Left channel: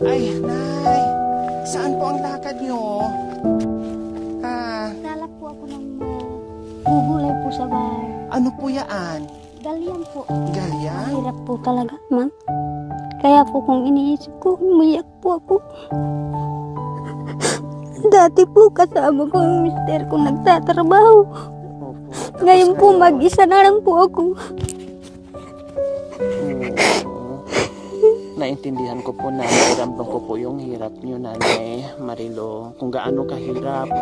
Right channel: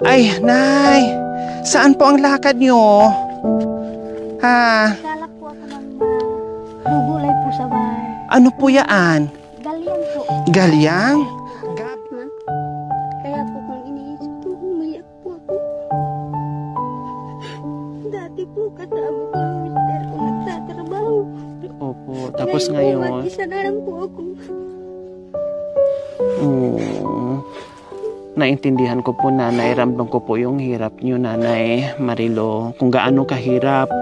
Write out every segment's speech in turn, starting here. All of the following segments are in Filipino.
Ay, Nay. Saan po ang lakad nyo? Ha? Lalak po ako ng gulay po sa bahay. Ano po yaan? Galian po. Galyang? Iyak po talaga, ma. Kaya po kung iniisip ko, umiyak po ako. Dati po kasama ko yung mister ko nagtatrabaho. Opo. Tapos Ngayon po mag-isa na lang po ako. Naintindihan ko po, Nanay. Ramdam ko po yung hirap nyo, Nanay Marilo. Kung gaano kahirap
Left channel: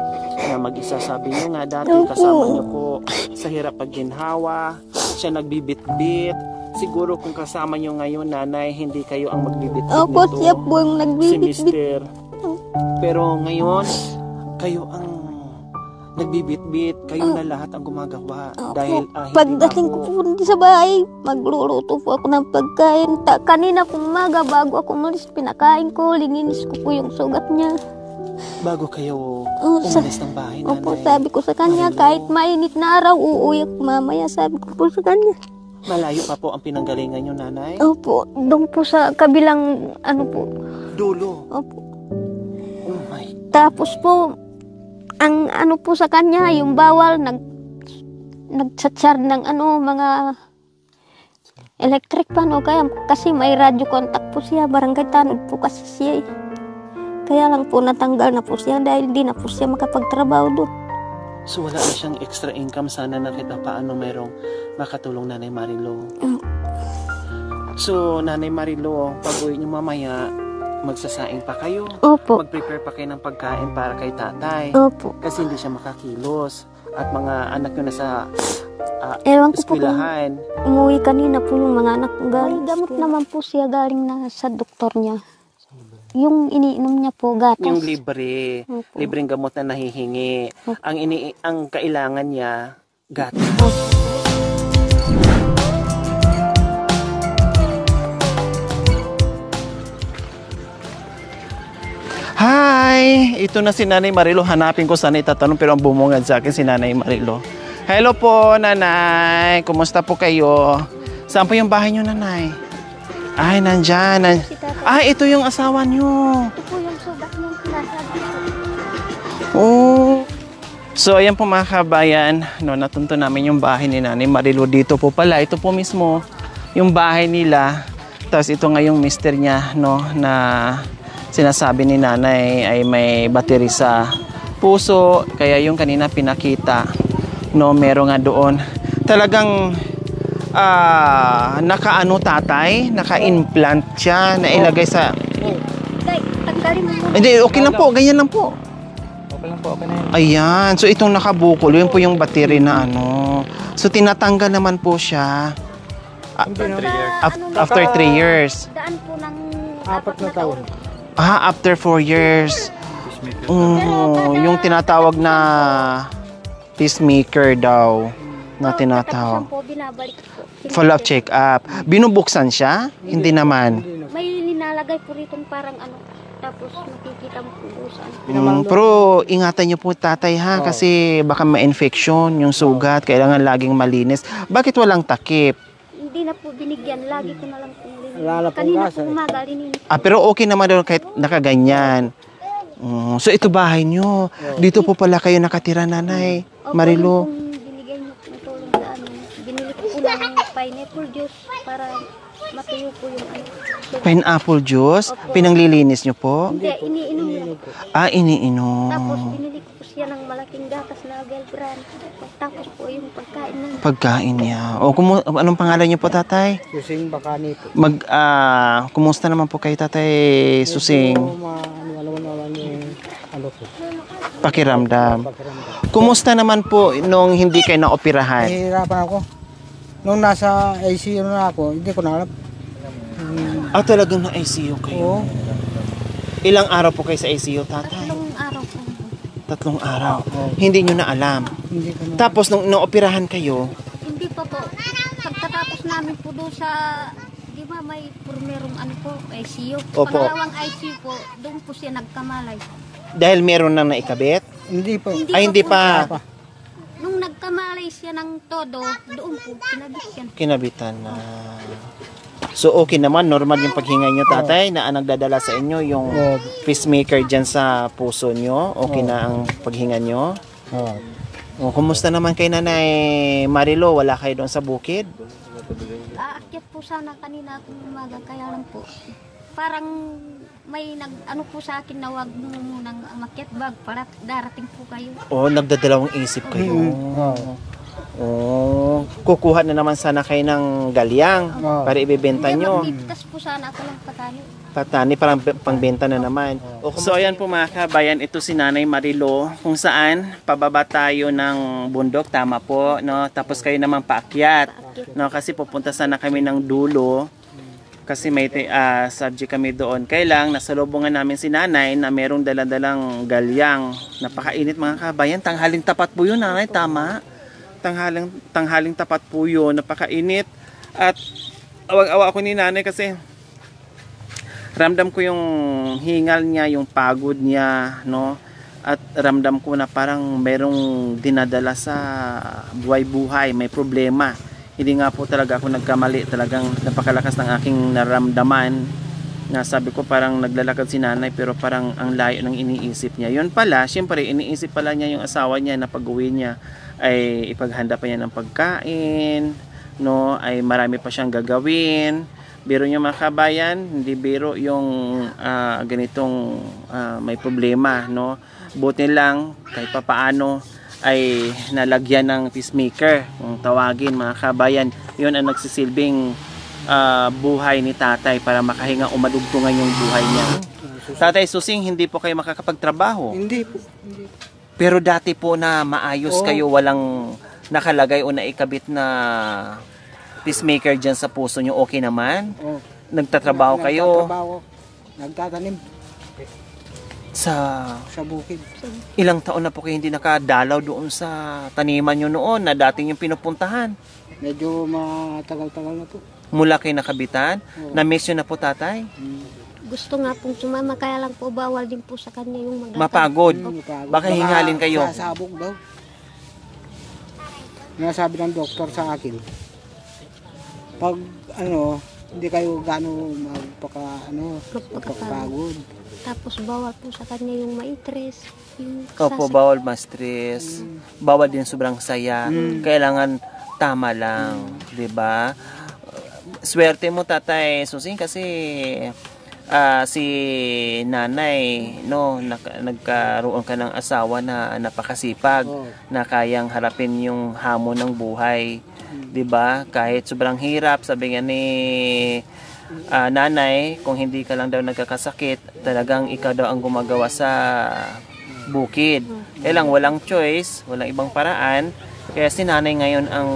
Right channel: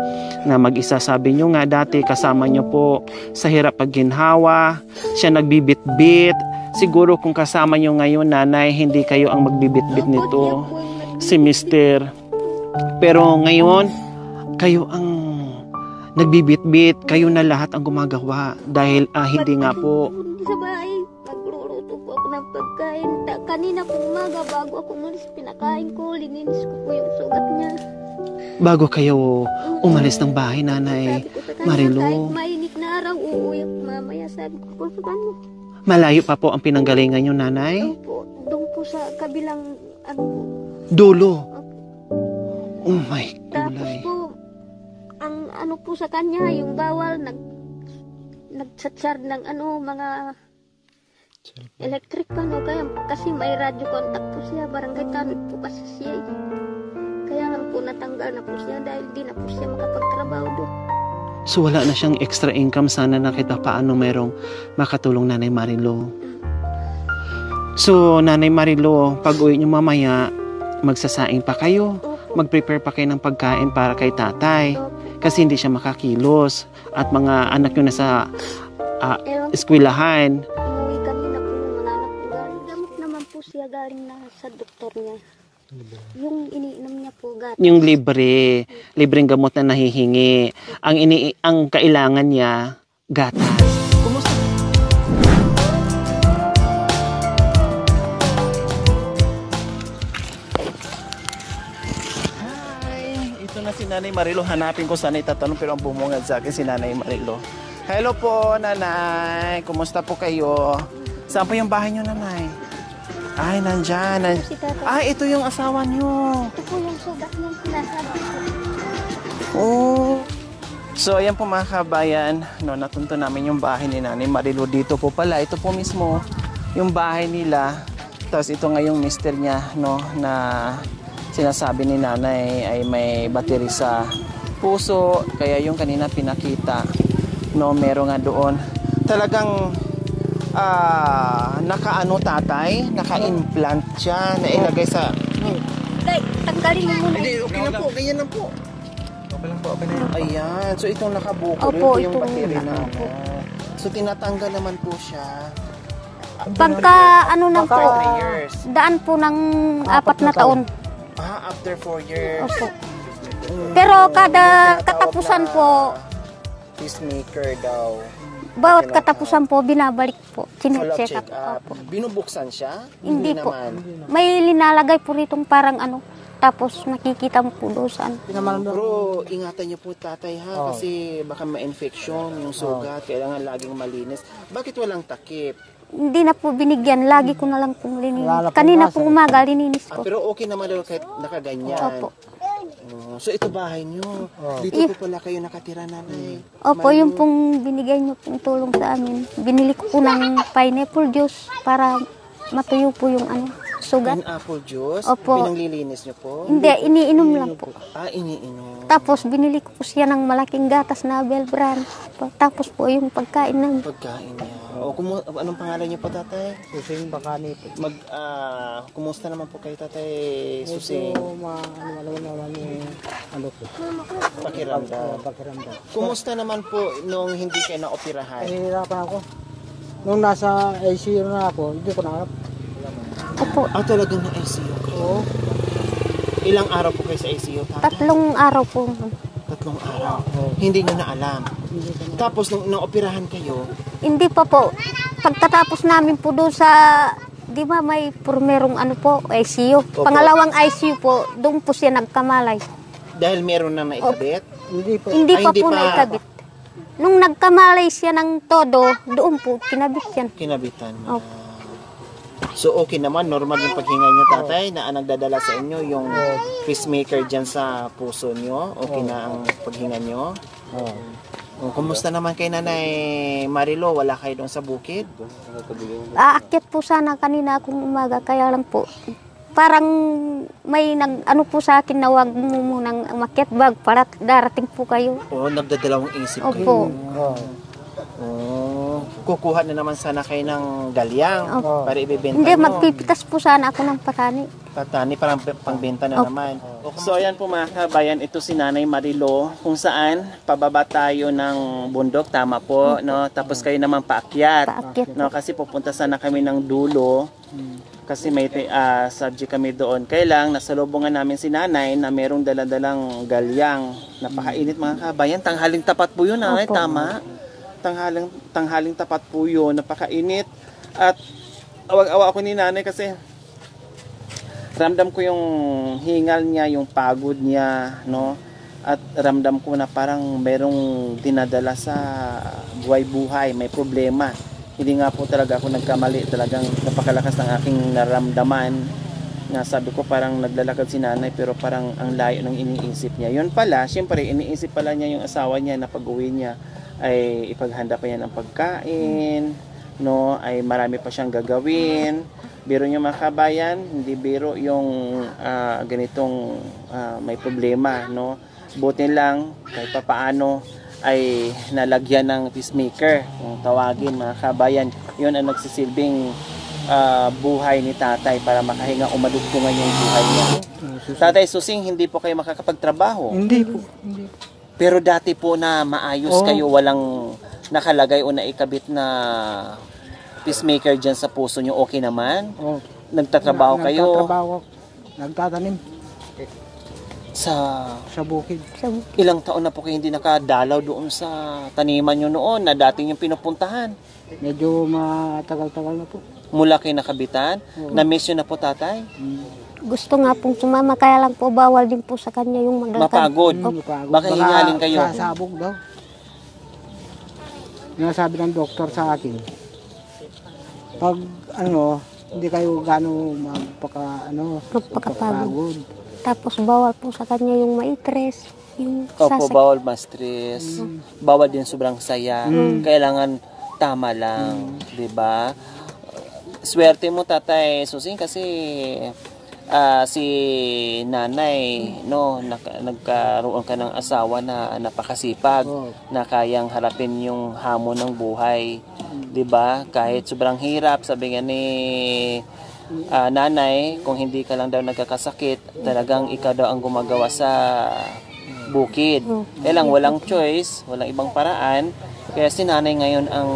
na mag-isa. Sabi nyo nga dati, kasama nyo po sa hirap pagginhawa. Siya nagbibit-bit. Siguro kung kasama nyo ngayon, Nanay, hindi kayo ang magbibit-bit Opo, nito. siya po ang nagbibit-bit. Si Mister. Pero ngayon, kayo ang nagbibit-bit. Kayo na lahat ang gumagawa. Dahil hindi nga Pagdating ko po. po sa bahay, magluluto po ako ng pagkain. Kanina po umaga, bago ako umalis, pinakain ko, lininis ko po yung sugat niya. Bago kayo umalis ng bahay, Nanay Sabi ko sa kanya, Marilo. kahit mainit na araw, uuwi ako mamaya. Sabi ko po sa kanya. Malayo pa po ang pinanggalingan nyo, Nanay? Opo, doon po sa kabilang, ano po. Dulo. Opo. Oh my. Tapos po, ang ano po sa kanya, yung bawal, nagsatsar ng ano, mga electric pan o kaya kasi may radio contact po siya, barangay tanod po kasi siya eh. Kaya lang po natanggal na po siya dahil di na po siya makapagtrabaho doon. So wala na siyang extra income. Sana nakita paano merong makatulong, Nanay Marilo. So Nanay Marilo, pag uwi niyo mamaya, magsasaing pa kayo. Opo. Mag-prepare pa kayo ng pagkain para kay tatay. Opo. Kasi hindi siya makakilos. At mga anak nyo nasa Ewan ko po, eskwelahan. umuwi kanina po yung mga anak ko galing. Gamot naman po siya galing na sa doktor niya. Yung iniinom niya po, gatas. Yung libre. Libreng gamot na nahihingi. Ang kailangan niya, gatas. Hi! Ito na si Nanay Marilo. Hanapin ko saan itatanong pero ang bumungad sa akin si Nanay Marilo. Hello po, Nanay. Kumusta po kayo? Saan po yung bahay niyo, Nanay? Ay, nandyan. Ito yung asawa niyo. Ito po yung sugat niya sinasabi ko. Oh. So, ayan po mga kabayan. No, natunto namin yung bahay ni Nanay Marilo. Dito po pala. Ito po mismo yung bahay nila. Tapos ito nga yung mister niya, no, na sinasabi ni Nanay ay may battery sa puso. Kaya yung kanina pinakita, no, meron nga doon. Talagang naka-ano tatay, naka-implant siya, na ilagay sa... Tanggalin mo. Hindi, okay lang po, ganyan lang po. Ayan, so itong nakabukol, yun po yung battery na ano. So tinatanggal naman po siya. Pagka ano na After po, 3 years. daan po ng 4 na taon. After 4 years. Pero kada yung tinatawag na katapusan peacemaker daw. Na Bawat tinatawag. katapusan po, binabalik po. Follow-up check-up. Binubuksan siya? Hindi naman. May linalagay po ritong parang ano, tapos nakikita mo po doon sa ano. Pero ingatan niyo po, tatay, ha? Kasi baka ma-infection yung sugat. Kailangan laging malinis. Bakit walang takip? Hindi na po binigyan, lagi ko na lang pong lininis. Kanina po umaga, lininis po. Pero okay naman doon kahit nakaganyan. So ito bahay niyo. Dito po pala kayo nakatira, Nanay Opo, yung Marilo. pong binigay niyo pong tulong sa amin. Binili ko po ng pineapple juice para matuyo po yung ano, sugat. Pineapple juice? Opo. Pinanglilinis niyo po? Hindi, iniinom lang po. Iniinom. Tapos binili ko po siya ng malaking gatas na Bell Brand. Tapos po yung pagkain ng... Pagkain niya. Anong pangalan niyo po, tatay? Susing Bakani po. Kumusta naman po kayo, tatay Susing? Pakiramdam. Kumusta naman po nung hindi kayo naoperahan? Nahihirapan ako. Nung nasa ICU na ako, hindi ko na alam. Opo, Talagang na-ICU kayo? Oo. Ilang araw po kayo sa ICU, tatay? 3 araw po. 3 araw. Hindi nyo na alam. Hindi ko na. Tapos nung naoperahan kayo, Hindi pa po. Pagtatapos namin po doon sa... Di ba may merong ano po, ICU. Opo. Pangalawang ICU po, doon po siya nagkamalay. dahil meron nang naikabit? Hindi pa. Hindi Ay, pa hindi po pa. naikabit. Nung nagkamalay siya ng todo, doon po, kinabit yan. Kinabitan na. Opo. So okay naman, normal yung paghinga nyo tatay na ang nagdadala sa inyo yung pacemaker dyan sa puso nyo. Okay na ang paghinga nyo. Kumusta naman kay Nanay Marilo? Wala kayo doon sa bukid? Aakyat po sana kanina akong umaga, kaya lang po parang may ano po sa akin na wag mo munang umakyat bag para darating po kayo. Nagdadalawang isip Opo. kayo. Kukuha na naman sana kayo ng galyang para ibebenta Hindi, nyo. magpipitas po sana ako ng patani. Patani, parang pangbenta na naman. So ayan po mga kabayan, ito si Nanay Marilo, kung saan pababa tayo ng bundok, tama po, no? Tapos kayo naman paakyat. Paakyat. No? Kasi pupunta sana kami ng dulo. Kasi may subject kami doon. Kailang nasalubungan namin si Nanay na merong daladalang galyang. Napakainit mga kabayan. Tanghaling tapat po yun, Nanay. Tama? Tanghaling tapat po yun. Napakainit. At awag-awa ako ni Nanay kasi ramdam ko yung hingal niya, yung pagod niya, no? At ramdam ko na parang merong dinadala sa buhay-buhay. May problema. Hindi nga po talaga ako nagkamali, talagang napakalakas ng aking naramdaman na sabi ko parang naglalakad si Nanay pero parang ang layo ng iniisip niya. Yun pala, syempre iniisip pala niya yung asawa niya na pag-uwi niya ay ipaghanda pa niya ng pagkain, no? Ay marami pa siyang gagawin. Biro niyo mga kabayan, hindi biro yung ganitong may problema, no? Buti lang kahit papaano ay nalagyan ng pacemaker, kung tawagin mga kabayan. Yun ang nagsisilbing buhay ni tatay para makahinga o madugtungan yung buhay niya. Tatay Susing, hindi po kayo makakapagtrabaho? Hindi po. Hindi. Pero dati po na maayos kayo, walang nakalagay o naikabit na pacemaker dyan sa puso nyo, okay naman? Nagtatrabaho kayo? Nagtatrabaho. Nagtatanim sa bukid. Ilang taon na po kayo hindi nakadalaw doon sa taniman nyo noon na dating yung pinupuntahan? Medyo matagal-tagal na po. Mula kayo nakabitan? Na-miss nyo na po tatay? Gusto nga pong sumama, kaya lang po bawal din po sa kanya yung maglakad. Mapagod? Mapagod. Baka hingalin kayo? Sasabog daw. Nasabi ng doktor sa akin, pag hindi kayo gano'ng magpakapagod. Tapos bawal po sa kanya yung ma-stress. Opo, bawal ma-stress. Bawal din sobrang saya. Kailangan tama lang, 'di ba? Swerte mo Tatay Susing kasi si Nanay, no, nagkaroon ka ng asawa na napakasipag, na kayang harapin yung hamon ng buhay, 'di ba? Kahit sobrang hirap, sabi nga ni Nanay, kung hindi ka lang daw nagkakasakit, talagang ikaw daw ang gumagawa sa bukid. Kaya lang walang choice, walang ibang paraan, kaya si Nanay ngayon ang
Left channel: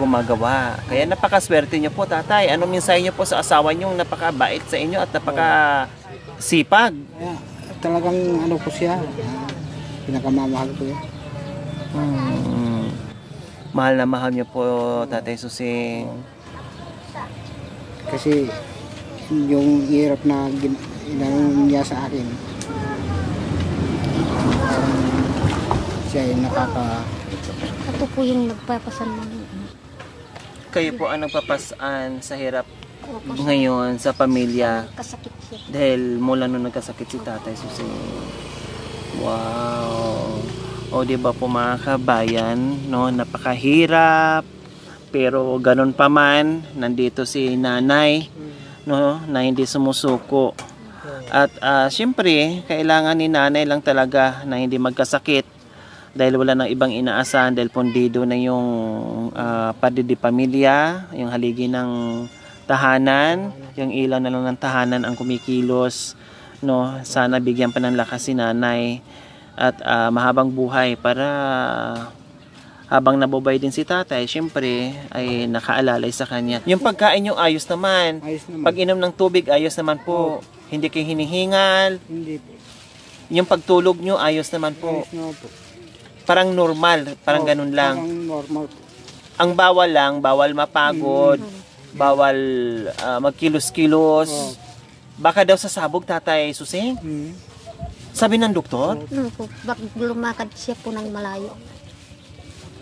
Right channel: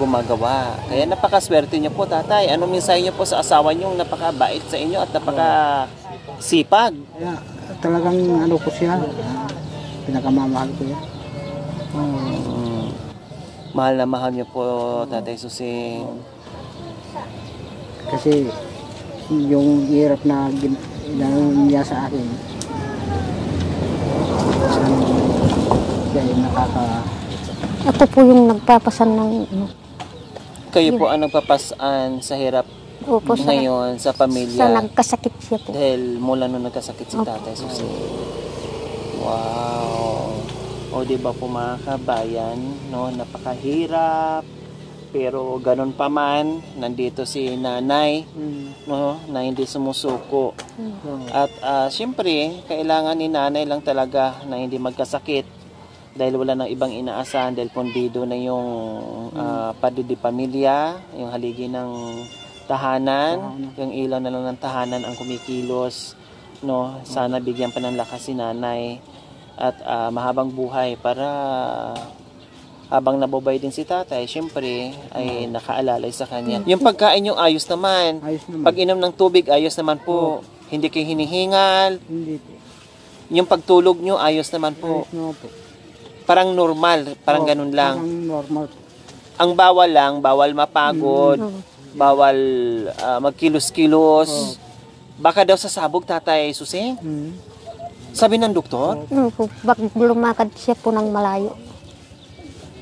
gumagawa. Kaya napakaswerte niyo po tatay. Anong mensahe niyo po sa asawa niyo, napakabait sa inyo at napakasipag? Talagang po siya, pinakamamahal ko yan. Mahal na mahal niyo po Tatay Susing. Kasi yung hirap na ginawa niya sa akin, siya ay Ito po yung nagpapasan ng Kayo po ang nagpapasan sa hirap ngayon sa pamilya. Sa nagkasakit siya po. Dahil mula nung nagkasakit si Tatay Susing. Wow. O di ba po mga kabayan, no, napakahirap. Pero ganun pa man, nandito si Nanay, no, na hindi sumusuko. At syempre, kailangan ni Nanay lang talaga na hindi magkasakit dahil wala nang ibang inaasahan, dahil pondido na yung padidi pamilya, yung haligi ng tahanan, yung ilaw na lang ng tahanan ang kumikilos, no. Sana bigyan pa ng lakas si Nanay at mahabang buhay para habang nabubay din si tatay, syempre ay nakaalalay sa kanya. Yung pagkain nyo ayos naman. Ayos naman. Pag inom ng tubig ayos naman po. Hindi kayo hinihingal. Hindi po. Yung pagtulog nyo ayos naman po. Ayos naman po. Parang normal, parang ganun lang. Parang normal po. Ang bawal lang, bawal mapagod, bawal magkilos-kilos. Baka daw sa sabog Tatay Susing? Sabi ng doktor? Bak lumakad siya po ng malayo.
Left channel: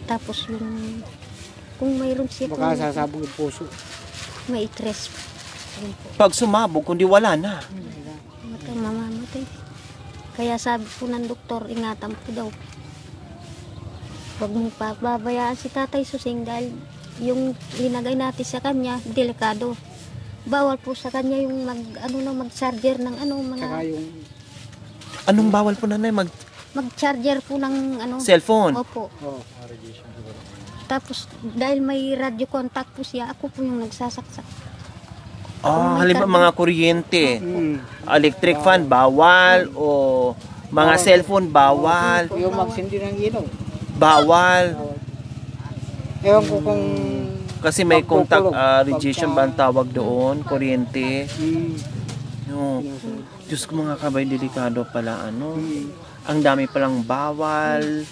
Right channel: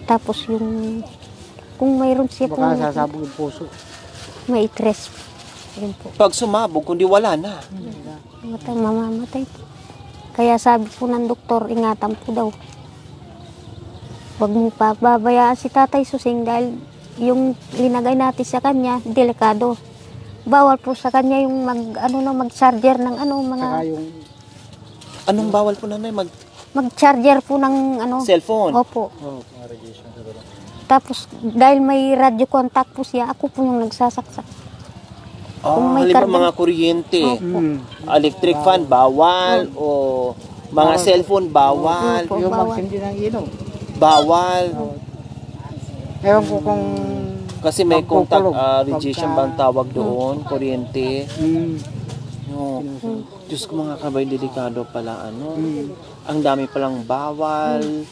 Tapos yung kung mayroon siya Baka sasabog yung puso. may stress. Yun po. Pag sumabog, kundi wala na. Mamamatay po. Kaya sabi po ng doktor, ingatan po daw. Huwag mo pa babayaan si Tatay Susing dahil yung linagay natin sa kanya, delikado. Bawal po sa kanya yung mag-charger ng mga... Saka yung Anong bawal po nanay? Mag-charger po ng Cellphone? Opo. Tapos dahil may radio contact po siya, ako po yung nagsasaksak. Kung may Halimbawa karga- mga kuryente, mm, electric fan, bawal, o mga cellphone, bawal, Opo, yung bawal. magsindi ng ilaw. bawal. Ewan ko kung Kasi may contact radiation ba ang tawag doon, kuryente. No. Diyos ko mga kabay, delikado pala Ang dami palang bawal,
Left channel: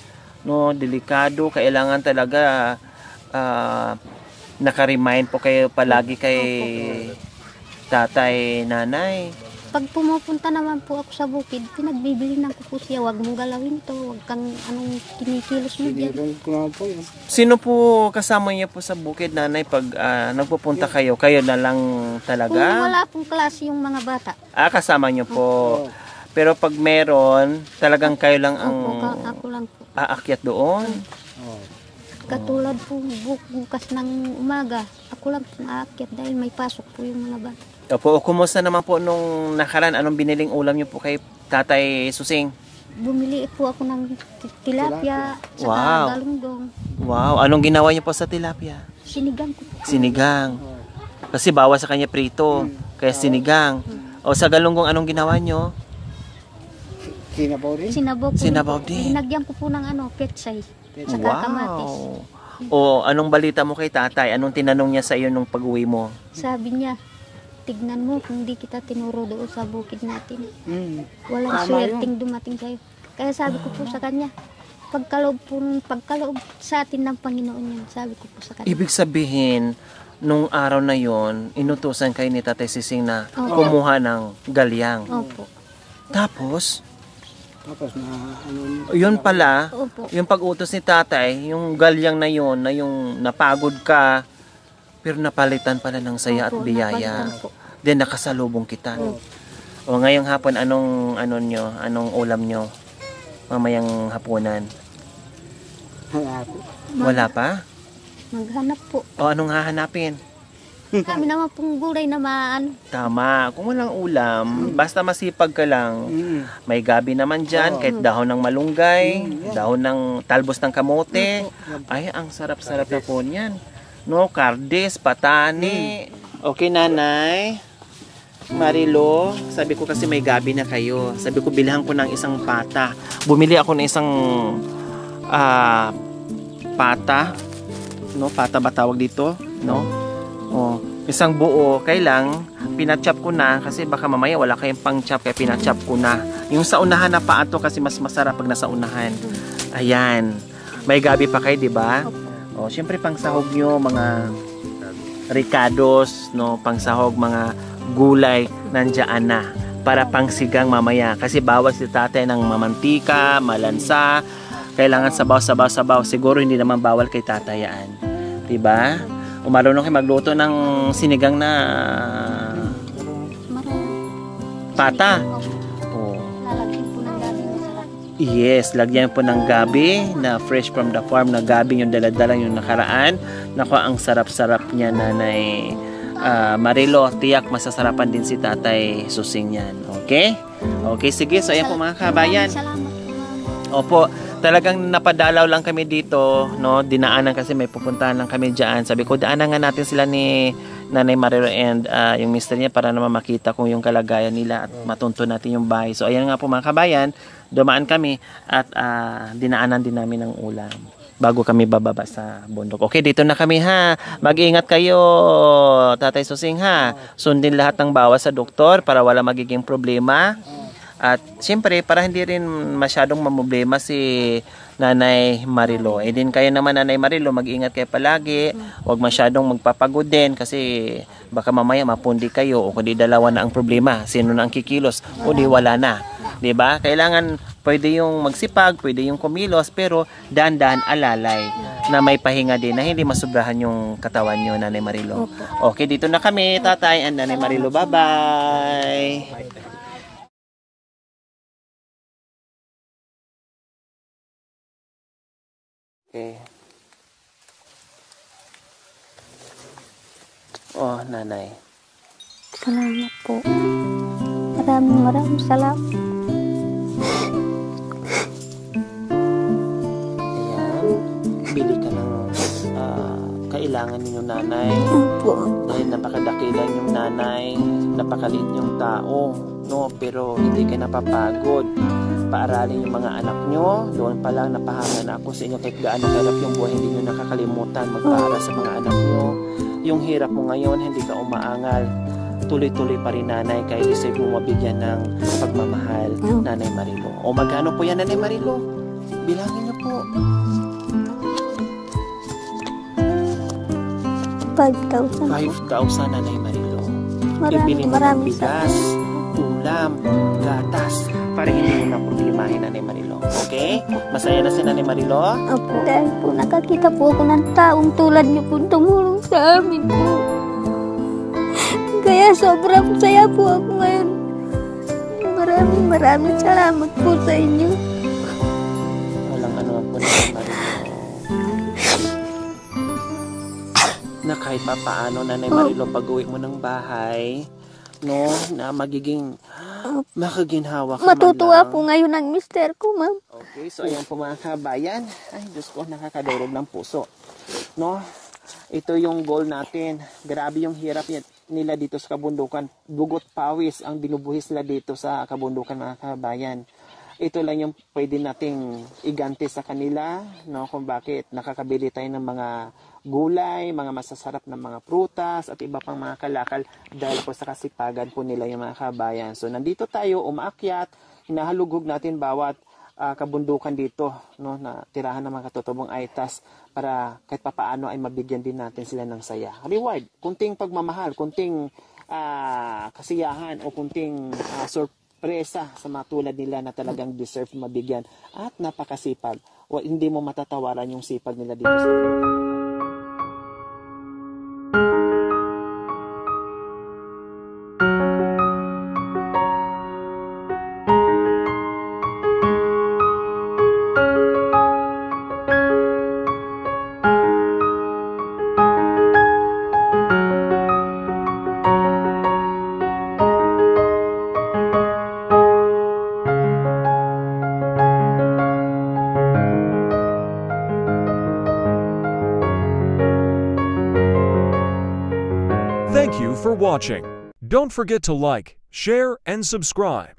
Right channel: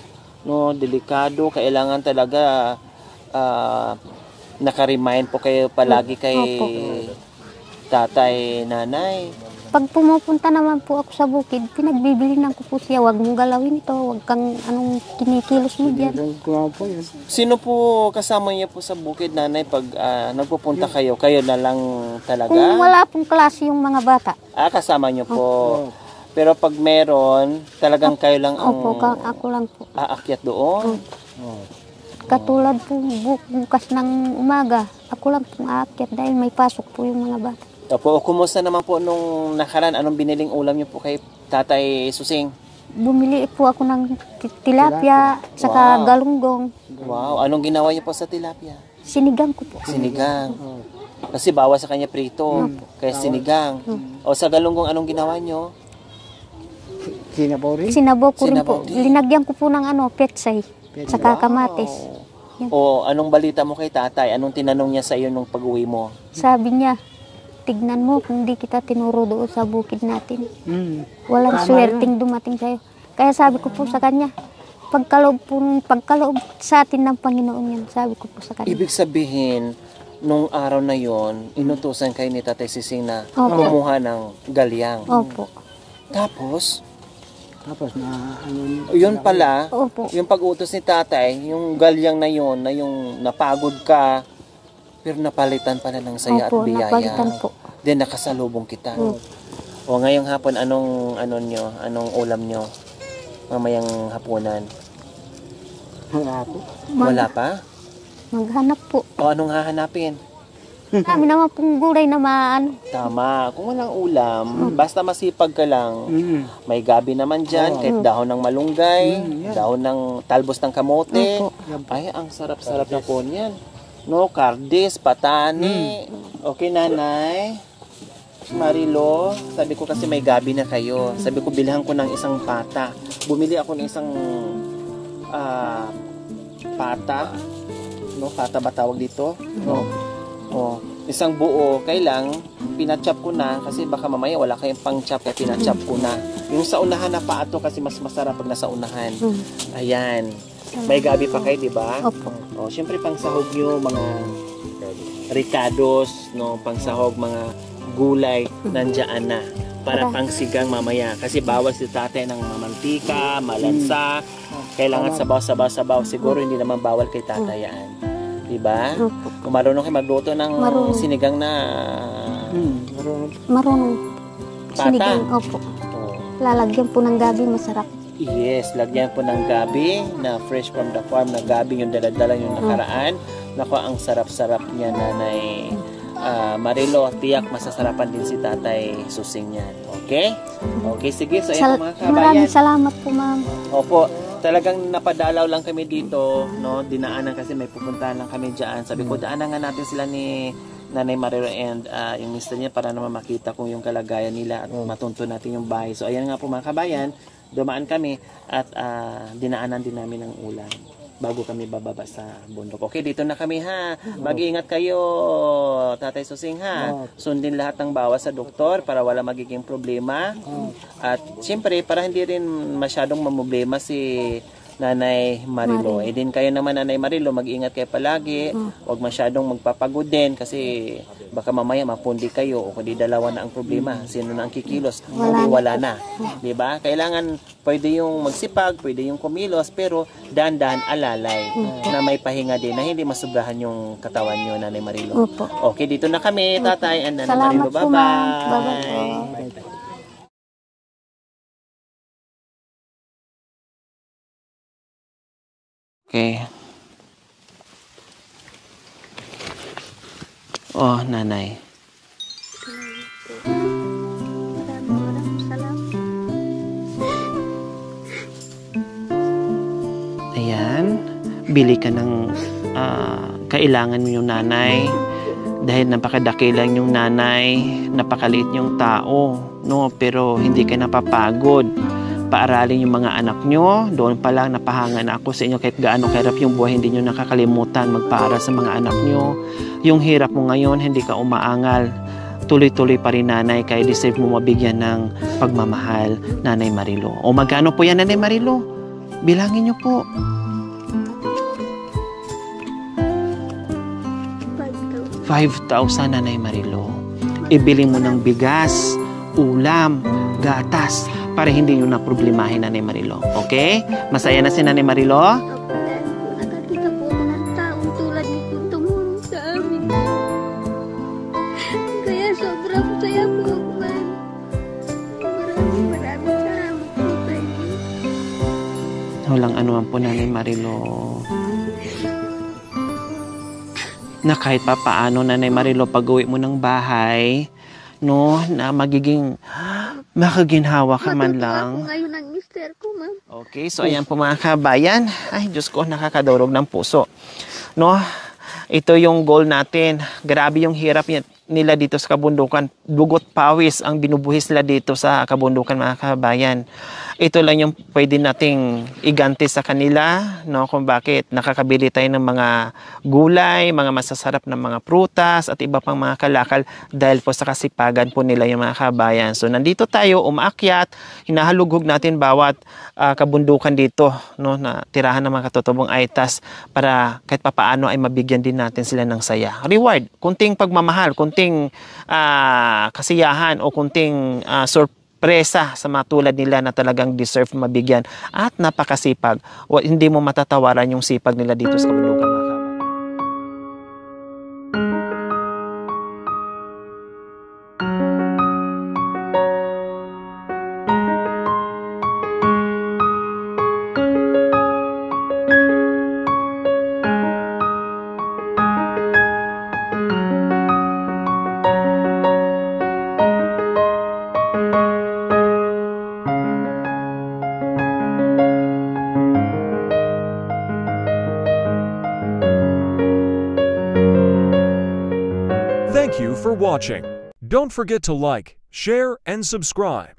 no, delikado. Kailangan talaga naka-remind po kayo palagi kay tatay, nanay. Pag pumupunta naman po ako sa bukid, pinagbibilinan ko po siya, wag mong galawin ito, wag kang kinikilos mo dyan. sinigong ko po yun. Sino po kasama niyo po sa bukid, nanay, pag nagpupunta kayo? Kayo na lang Kung talaga? wala pong klase yung mga bata, Kasama niyo po. Pero pag meron, talagang kayo lang ang ako lang po. aakyat doon? Oh. Katulad po bukas ng umaga, ako lang po aakyat dahil may pasok po yung mga bata. Opo, kumusta naman po nung nakaraan? Anong biniling ulam niyo po kay Tatay Susing? Bumili po ako ng tilapia, saka Wow. galunggong. Wow, anong ginawa niyo po sa tilapia? Sinigang ko po. Sinigang. Kasi bawas sa kanya prito, kaya sinigang. O sa galunggong, anong ginawa niyo? Sinabaw rin. Sinabaw ko rin Sinabaw po. din. Linagyan ko po ng petsay, saka kamatis. O anong balita mo kay tatay? Anong tinanong niya sa iyo nung pag-uwi mo? Sabi niya, tignan mo kung di kita tinuro doon sa bukid natin. Walang Tama swerteng dumating sa'yo. Kaya sabi ko po sa kanya, pagkaloob sa atin ng Panginoon yan, sabi ko po sa kanya. Ibig sabihin, nung araw na yon, inutusan kayo ni Tatay Sising na Opo. kumuha ng galyang. Opo. Tapos, Tapos na yun pala, Opo. yung pag-utos ni tatay, yung galyang na yun, na yung napagod ka, pero napalitan pala ng saya Opo, at biyaya. napalitan po. Then nakasalubong kita. Opo. O ngayong hapon, anong ulam nyo? Mamayang hapunan. wala po. Wala pa? Maghanap po. O anong hahanapin? Kami naman pong gulay na Tama, kung walang ulam, basta masipag ka lang, may gabi naman dyan, kahit dahon ng malunggay, dahon ng talbos ng kamote. Opo. Ay, ang sarap-sarap na po niyan. No, kardis, patani. Okay, nanay. Marilo, sabi ko kasi may gabi na kayo. Sabi ko, bilhan ko ng isang pata. Bumili ako ng isang pata. No, pata ba tawag dito? No? Oh, isang buo, kailang pinachop ko na kasi baka mamaya wala kayong pang-chop kaya pinachop ko na. Yung sa unahan na paato kasi mas masarap pag nasa unahan. Ayan. May gabi pa kayo, di ba? Opo. Oh, syempre pangsahog nyo mga ricados, no, pangsahog mga gulay nandiyan na para pangsigang mamaya kasi bawal si tatay ng mamantika, malansa. Kailangan sabaw. Siguro hindi naman bawal kay tatay yan. Diba? Kung marunong kayo magluto ng sinigang na Marunong. pata. Sinigang, opo. Oh. Lalagyan po ng gabi, masarap. Yes, lagyan po ng gabi na fresh from the farm na gabi yung daladala yung nakaraan. Naku, ang sarap-sarap niya, Nanay Marilo. Tiyak masasarapan din si Tatay Susing yan. Okay? Okay, sige. So, ayan po mga kabayan. Maraming salamat po, ma'am. Opo, talagang napadalaw lang kami dito, no? Dinaanan kasi may pupuntahan lang kami diyan. Sabi ko, daanan nga natin sila ni Nanay Marilo and yung mister niya para naman makita kung yung kalagayan nila at matunto natin yung bahay. So, ayan nga po mga kabayan, dumaan kami at dinaanan din namin ng ulan bago kami bababa sa bundok. Okay, dito na kami ha. Mag-ingat kayo, Tatay Susing ha. Sundin lahat ng bawas sa doktor para wala magiging problema. At siyempre, para hindi rin masyadong mamblema si Nanay Marilo. Eh din kayo naman, Nanay Marilo, mag-ingat kayo palagi. Huwag masyadong magpapagod din kasi baka mamaya mapundi kayo o kundi dalawa na ang problema. Sino na ang kikilos o di wala na. 'Di ba? Kailangan pwede yung magsipag, pwede yung kumilos, pero dahan-dahan alalay na may pahinga din na hindi masubrahan yung katawan nyo, Nanay Marilo. Opo. Okay, dito na kami, Tatay and Nanay Marilo. Salamat po, ma'am. Bye-bye. Okay. Oh, Nanay. Salamat po. Maraming salamat. Ayan. Bili ka ng kailangan yung Nanay. Dahil napakadakilang yung Nanay, napakaliit yung tao, no? Pero hindi ka napapagod. Paaralin yung mga anak nyo. Doon pa lang napahanga na ako sa inyo kahit gaano kahirap yung buhay, hindi nyo nakakalimutan magpaaral sa mga anak nyo. Yung hirap mo ngayon, hindi ka umaangal. Tuloy-tuloy pa rin, Nanay, kaya deserve mo mabigyan ng pagmamahal, Nanay Marilo. O magkano po yan, Nanay Marilo? Bilangin nyo po. 5,000. 5,000, Nanay Marilo. Ibili mo ng bigas, ulam, gatas, para hindi mo na problemahin, Nanay Marilo. Okay? Masaya na si Nanay Marilo? Opo, dahil po nakakita po ako ng taong tulad niyo po tumulong sa amin po. Kaya sobrang saya po ako ngayon. Maraming salamat po sa inyo. Walang anuman po, Nanay Marilo. Na kahit pa paano, Nanay Marilo, pag-uwi mo ng bahay, no, na makaginhawa ka man lang. Matutuwa po ngayon ang mister ko, ma'am. Okay, so ayan po mga kabayan. Ay, Diyos ko, nakakadurog ng puso. No, ito yung goal natin. Grabe yung hirap nila dito sa kabundukan. Dugot pawis ang binubuhis nila dito sa kabundukan, mga kabayan. Ito lang yung pwede nating iganti sa kanila, no, kung bakit nakakabili tayo ng mga gulay, mga masasarap na mga prutas at iba pang mga kalakal dahil po sa kasipagan po nila yung mga kabayan. So nandito tayo, umaakyat, hinahalughog natin bawat kabundukan dito, no, na tirahan ng mga katutubong aitas para kahit papaano ay mabigyan din natin sila ng saya. Reward, kunting pagmamahal, kunting kasiyahan o kunting presa sa mga tulad nila na talagang deserve mabigyan at napakasipag. Hindi mo matatawaran yung sipag nila dito sa kabundukan, mga kabayan. Thank you for watching. Don't forget to like, share, and subscribe.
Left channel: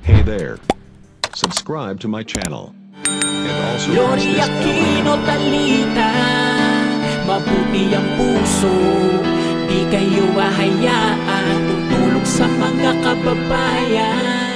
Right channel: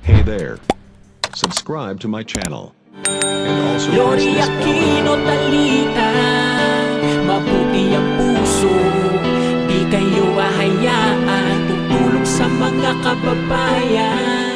Hey there. Subscribe to my channel. And also press Lori this bell Aquino icon. Talita, mabuti ang puso, di kayo hahayaan, tutulong sa mga kababayan.